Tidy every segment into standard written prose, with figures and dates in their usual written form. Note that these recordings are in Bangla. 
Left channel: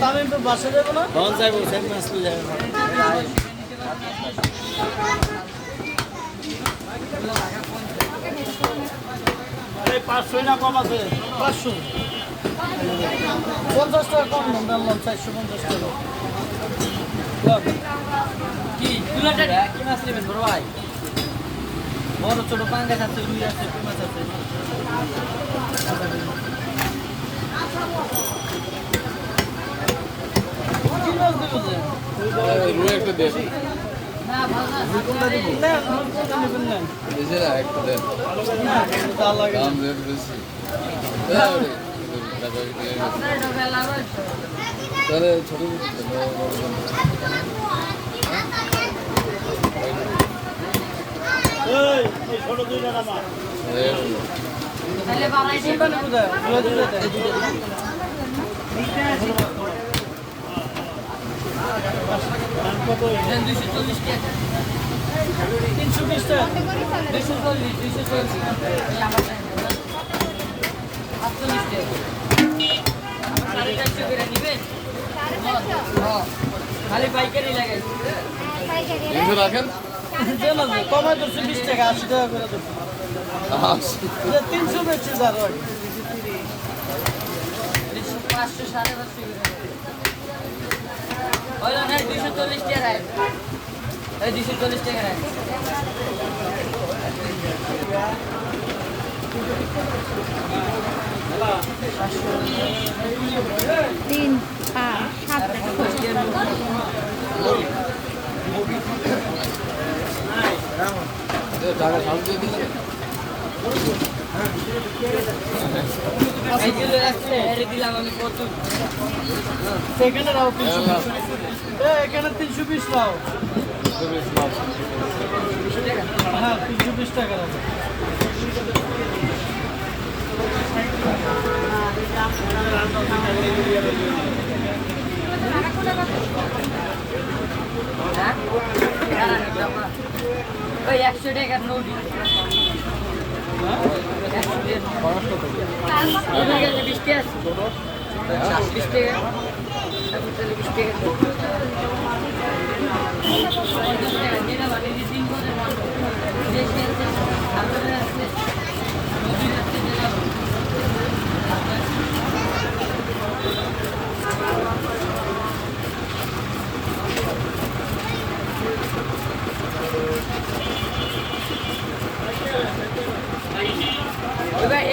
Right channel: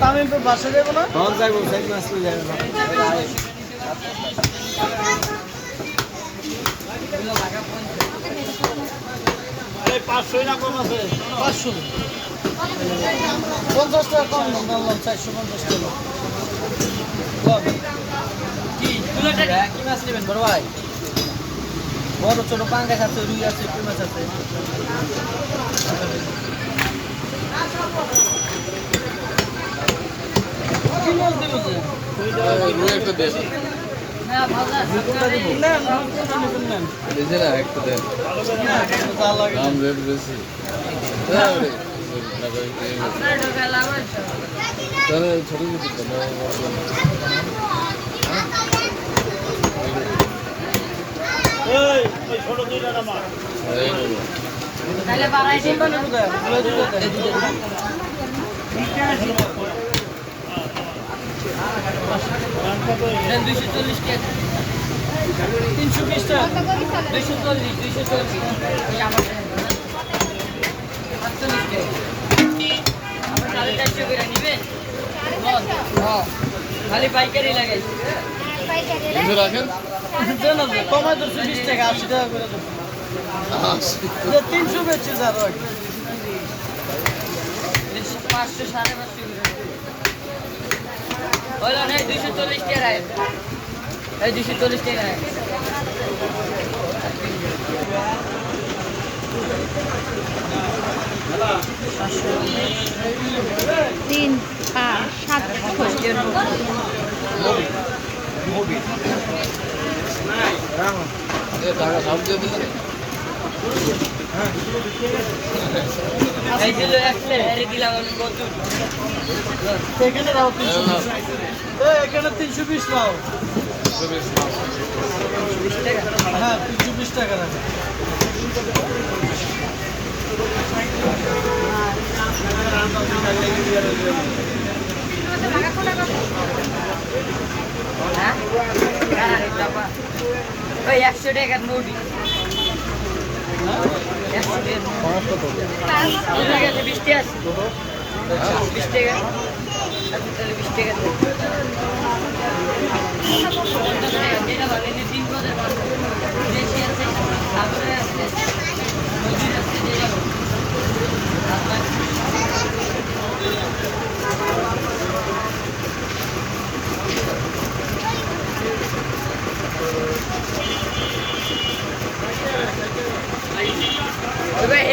তামিম তো বাসে যাবো না পাঁচশো 50 টাকা কম দেন জানলাম 450 টাকা কি মাছ নেবেন বড় ভাই বড় ছোট পাঙ্গাস আছে রুই আছে কি মাছ আছে কি মাছ দেবো রুই একটা দেন না ভালো না কোনটা নেবেন না নিজেরা একটা দেন না যা লাগে দাম রেট বেশি তোরে ছোট এই ছোট দুইটা না মার তাহলে বাড়াই দিন না বুদা দুটো দেন 240 টাকা 320 টাকা 240 এই আমার 48 টাকা 450 করে নিবেন খালি পাইকারি লাগাই বন্ধু রাখেন দেন না কমাই 220 টাকা 80 টাকা করে দেন 300 বেচে যা রয় 500 550 করে বলো না 240 টাকা রাখ এই 240 টাকা রাখ 3 5 7 এখানে 320 লাও হ্যাঁ 320 টাকা রাখো ওই 100 টাকার নোটি 20 টাকা 20 টাকা তাহলে 20 টাকা যেটা মানে 3 বছর দেশে তারপরে আছে নদীর আছে যেটা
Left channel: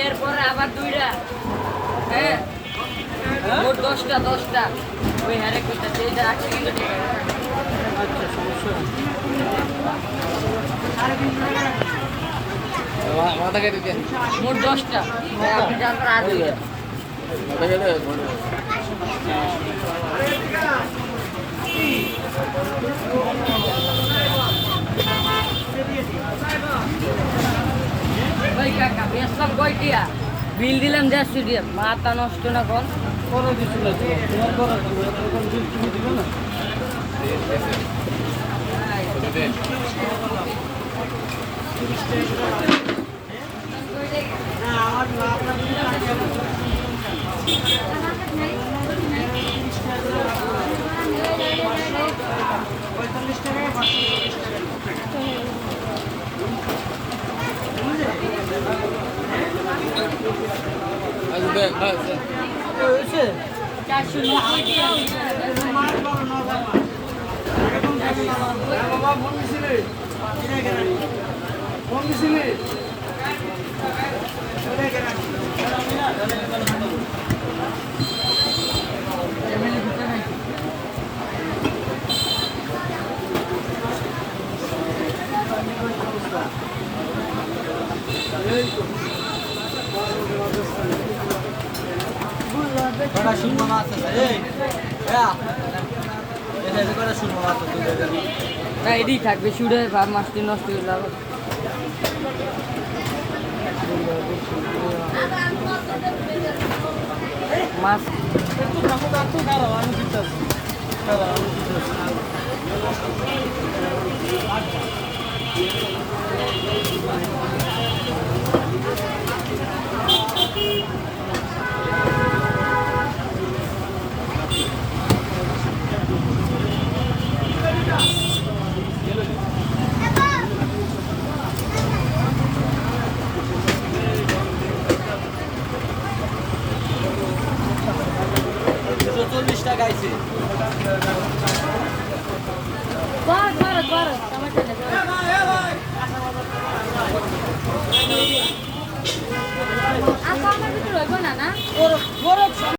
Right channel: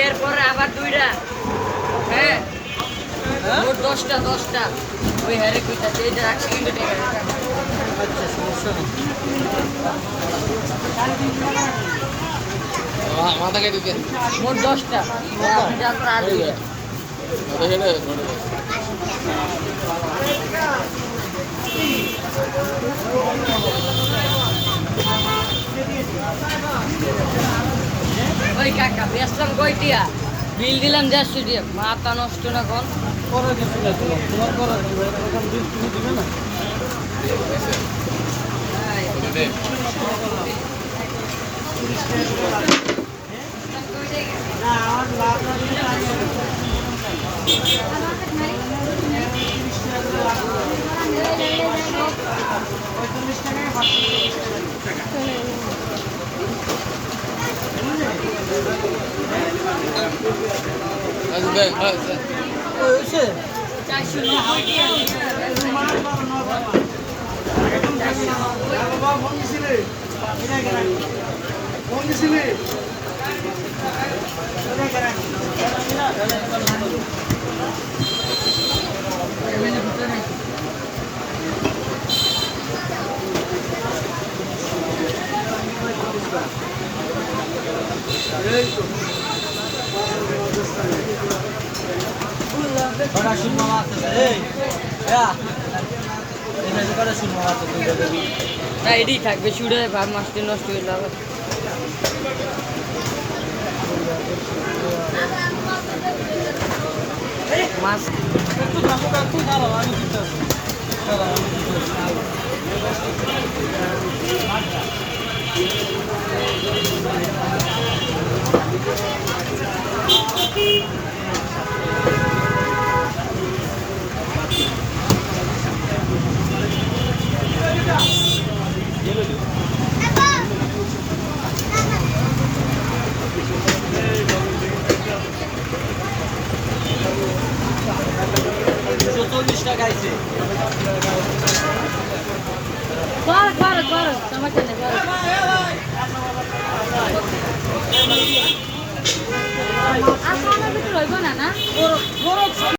এরপরে আবার দুইটা হ্যাঁ মোট 10টা ওই হারে কইতা এটা 100 কিন্তু টাকা আচ্ছা সমস্যা নেই মাথা কেটে দেন মোট 10টা আপনি জানতে আর দুইটা মাথা কেটে ওই কাকা বেসলাম কয়টিয়া বিল দিলাম 150 টাকা মাথা নষ্ট না কোন করে কিছু না তোমার করে দিবে এরকম বিল তুমি দিবে না দেন হয়েছে 490 টাকা বাবা ফোন দিছিলে ফোন দিছিলে এই তো বড় শুনমা আছে এই এখানে করে শুনমা আছে না এডি থাকবে শুড়ে ভাব মাছটি নষ্ট হয়ে যাবে মাছ একটু থাকো কাকু দাঁড়াও আমি দিতেছি দাঁড়াও আমি দিতেছি কর সমস্যা নেই